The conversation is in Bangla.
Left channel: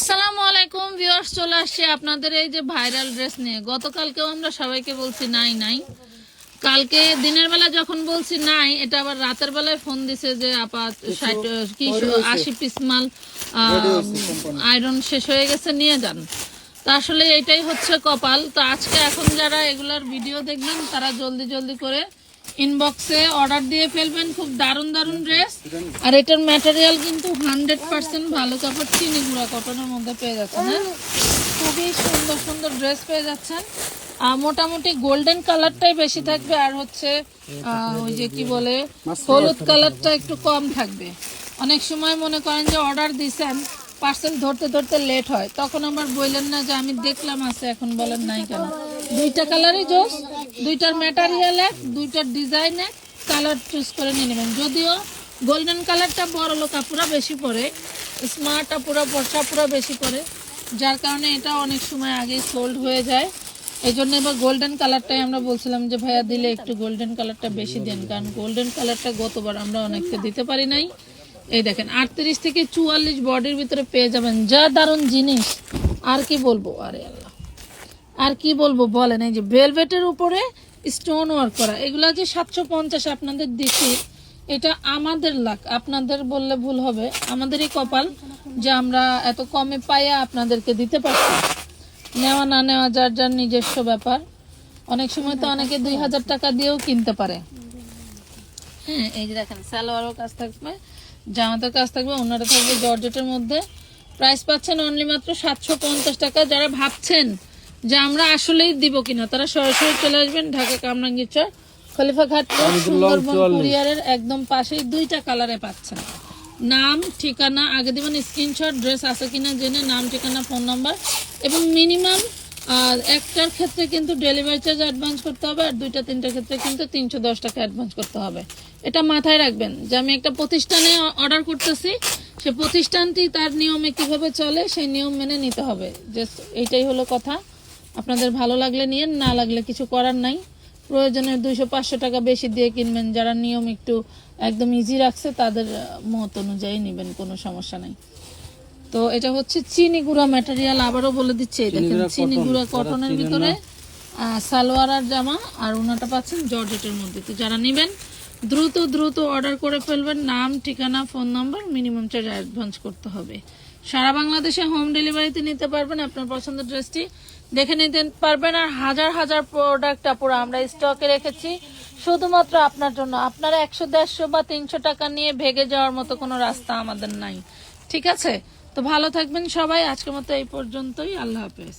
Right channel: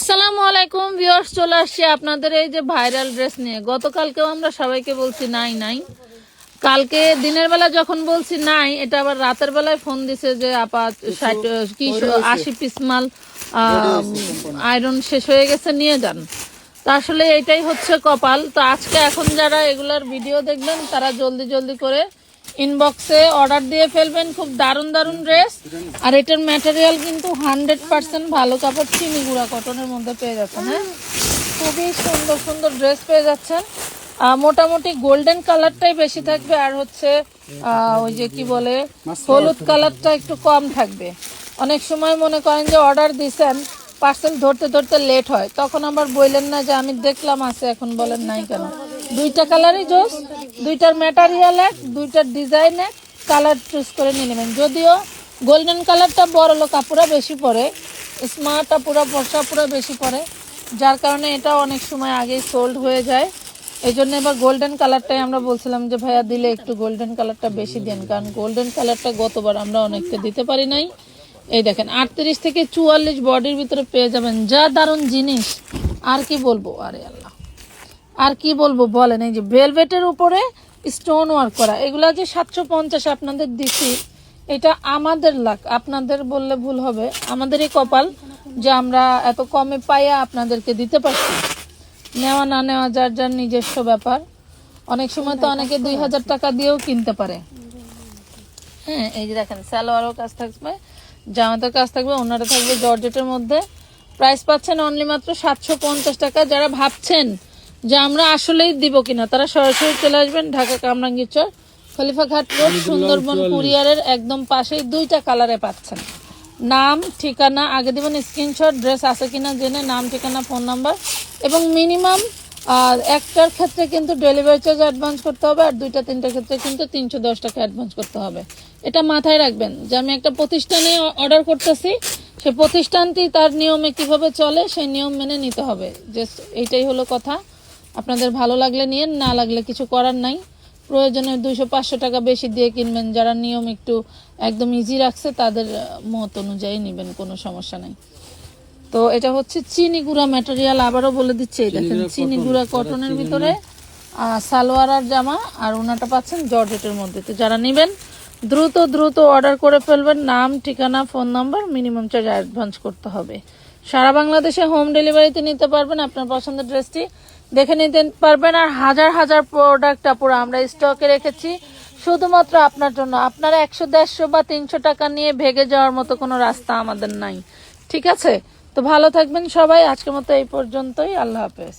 আসসালামু আলাইকুম ভিউয়ার্স, চলে আসছি আপনাদের এই যে ভাইরাল ড্রেস নিয়ে। গতকালকেও আমরা সবাইকে বলছি নাই নাই, কালকে দিনের বেলা যখন বলছি নাই, এটা আবার রাতের বেলায় ফোন দিছে যে আপা 80 পিস মাল আয়রন শেষ হয়ে গেছে, নিয়ে যান। তো আসলে এটাই হচ্ছে কপাল। তো আজকে এখন যারা এগুলার ভিডিও দেখবেন তারা জলদি জলদি করে ইনবক্সে অর্ডার দিয়ে ফেলবেন। খুব দারুণ দারুণ ড্রেস, আর এটার ম্যাটেরিয়াল কিন্তু 100% ভালো কাপড়, চিনি গুঁড়া কটনের মধ্যে পেয়ে যাচ্ছেন। হ্যাঁ, খুবই সুন্দর সুন্দর ড্রেস পেয়ে যাচ্ছেন। মোটামুটি গোল্ডেন কালারটাই বেশি থাকবে, আর হচ্ছে ওই যে কি বলে হলুদ কালারটা একটু কম থাকবে। অনেক সময় মনে করেন যে অর্ডার দিছেন, পার্সেল ধরতে ধরতে লেট হয়, তখন আবার বললেন না যে আমি দেখলাম আছে, এখন বলেন নাই কেন। দুইটা কালারই জোস, দুইটার ম্যাটেরিয়াল এক, দুইটার ডিজাইন এক, কালার চুজ করে নিয়ে নেবেন। যদিও গোল্ডেন কালারটা বড় লোক আপুরা বেশি পরে, স্মার্ট আপুরা বর্ষা পুরা বেশি পরে, যার কারণে এটা অনেক সময় আগেই সোল্ড হয়ে যায়। এই জন্য এবার গোল্ডেন কালারটাই আমরা বলছিলাম যে ভাইয়া দিলে একটু গোল্ডেন কালারটা বেশি দেন, কারণ গোল্ডেন কালারটা গতবার আমরা অনেককে দিতে পারি নাই। এই দেখেন 38 থেকে 44 বডির ভিতরে পেয়ে যাবেন, যা দারুণ জিনিস। আর কি বলবো, আরে আল্লাহ আর কি বলবো বলেন। এই যে ভেলভেটের উপরে স্টোন ওয়ার্ক করা, এগুলা যে 750 আপনাদের দিচ্ছি, এটা আমাদের লাক, আপনাদের বললে ভুল হবে। আমাদেরই কপাল যে আমরা এত কমে পাইয়া আপনাদেরকে দিতে পারছি। নেওয়া না নেওয়া যার যার নিজস্ব ব্যাপার। অনেক সময় তো অনেকে 2000 টাকা দিয়েও কিনতে পারে। হ্যাঁ, এই যে দেখেন সালোয়ারও কাজ থাকবে, জামাতের কাজ থাকবে, ওনারা থাকবে জর্জেটের মধ্যে। প্রাইস পাচ্ছেন অনলি মাত্র 750 টাকা। যারা ভাবছেন যে আমরা আসলেই দিব কিনা, তারা সরাসরি চলে আসবেন ঢাকা কামরাঙ্গীরচর খলিফা ঘাট রোড সুন্দরবন কুরিয়ারের একদম পাশেই। দুইটা কালারে পাচ্ছেন। নাম ঠিকানা আগে দিবেন, স্ক্রিনশট, ড্রেস আছে কিনা জেনে নাম ঠিকানা ফোন নাম্বার, এবং মিনিমাম একটার ক্ষেত্রে কিন্তু ডেলিভারি চার্জ অ্যাডভান্স করতে হবে, আর দুইটা তিনটার ক্ষেত্রে কিন্তু 310 টাকা অ্যাডভান্স করতে হবে। এটা মাথায় রাখবেন যে আমি একটা প্রতিষ্ঠানে অর্ডার করতেছি, সেই প্রতিষ্ঠানটি তার নিয়মে কিভাবে চলে সেই নিয়ম মেনে নিতে হবে। জাস্ট এইটাই হলো কথা। আপনাদের ভালো লাগলে নিয়েন, না লাগলে কিছু করার নাই। প্রয়োজনে 200-500 টাকা বেশি দিয়ে কিনবেন। যারা নিয়ম একটু একদম ইজি রাখছে তাদের মত অনুযায়ী নেবেন, কোনো সমস্যা নাই। তো এটা হচ্ছে চিনি গুঁড়া ম্যাটেরিয়াল, আবারও বলে দিচ্ছি। দেখেন চিনি গুঁড়া কটনের ভিতরে সালোয়ার আর জামা, আর ওনাটা পাচ্ছেন জর্জেটের মধ্যে। তো যারা নেবেন দ্রুত দ্রুত অর্ডার করে ফেলবেন। নাম ঠিকানা phone number, minimum charge advance করতে হবে। সারা বাংলাদেশে হোম ডেলিভারিতে নিতে পারবেন। আপনার পছন্দের ড্রেসটি দেখে নিতে পারবেন। আর হাজার হাজার প্রোডাক্ট পুরো আমরা স্টকে রেখেছি শুধুমাত্র আপনার জন্য। আপনারা 100, 150 বা 300 টাকা নিয়ে ভেগে যাওয়ার মতো কোনো রাস্তা আমাদের নাই, ঠিক আছে? তো ভালো থাকবেন সবাই। আজকের মতো এই পর্যন্তই, আল্লাহ হাফেজ।